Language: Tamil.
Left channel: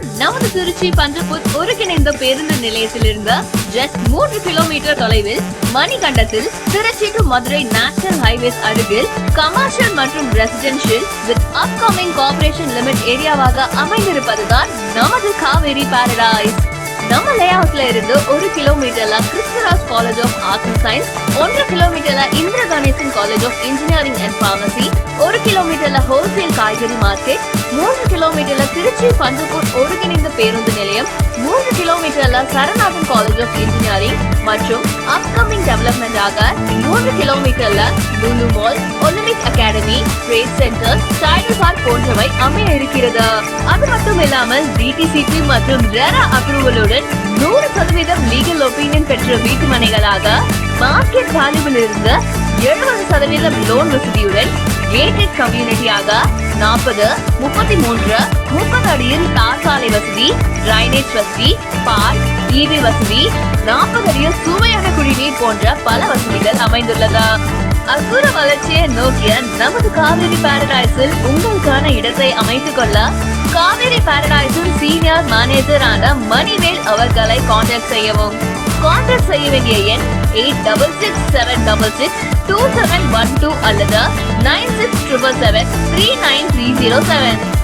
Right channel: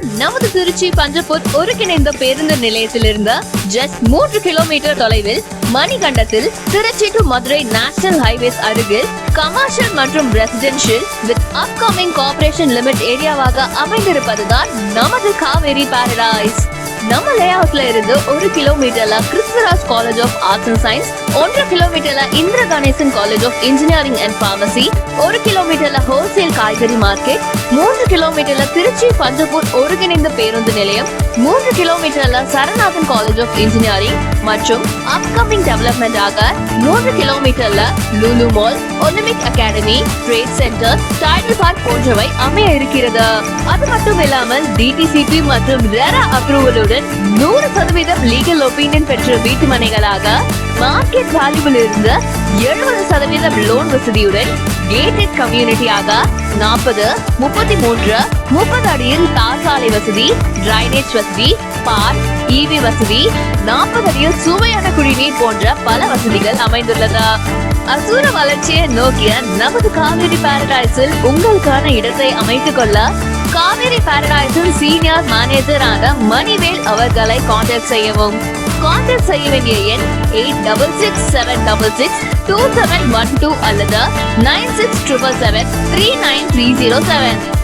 நமது திருச்சி பஞ்சப்பூர் ஒருங்கிணைந்த பேருந்து நிலையத்திலிருந்து ஜஸ்ட் 3 கிலோமீட்டர் தொலைவில் மணிகண்டத்தில் Trichy to Madurai national highways அருகில் கமர்ஷியல் மற்றும் residential with upcoming corporation limit ஏரியாவாக அமைந்திருப்பதுதான் நமது காவேரி பாரடைஸ். நம்ம லேஅவுட்ல இருந்து 1 கிலோமீட்டர்ல Christuraj college of arts and science, 1 கிலோமீட்டர்ல Indira Ganesan college of engineering and pharmacy, 1 கிலோமீட்டர்ல ஹோல்சேல் காய்கறி மார்க்கெட், 3 கிலோமீட்டர்ல திருச்சி பஞ்சப்பூர் ஒருங்கிணைந்த பேருந்து நிலையம், 3 கிலோமீட்டர்ல சரநாதன் காலேஜ் ஆஃப் இன்ஜினியரிங் மற்றும் அப்கமிங் டெவலப்மெண்ட் ஆக 3 கிலோமீட்டர்ல Lulu mall, Olympic academy, trade centre, Tidel park போன்றவை அமைய இருக்கிறது. அது மட்டும் இல்லாமல் டிடிசிபி மற்றும் ரெரா அப்ரூவலுடன் 100% லீகல் ஒப்பீனியன் பெற்ற வீட்டு மனைகளாக மார்க்கெட் வேல்யூவில் இருந்து 70% லோன் வசதியுடன் கேட்டட் கம்யூனிட்டியாக 40, 33, 30 அடியில் தார் சாலை வசதி, டிரைனேஜ் வசதி, பார்க், ஈவி வசதி, 40 அடியில் சுவையான குடிநீர் போன்ற பல வசதிகள் அமைந்துள்ளது. அசூர வளர்ச்சியை நோக்கிய நமது காவேரி பாரடைஸில் உங்களுக்கான இடத்தை அமைத்துக் கொள்ள காவேரி பாரடைஸில் சீனியர் மேனேஜரான மணிவேல் அவர்களை கான்டாக்ட் செய்யவும். கான்டாக்ட் செய்ய வேண்டிய எண் 8667662712 அல்லது 9677739307.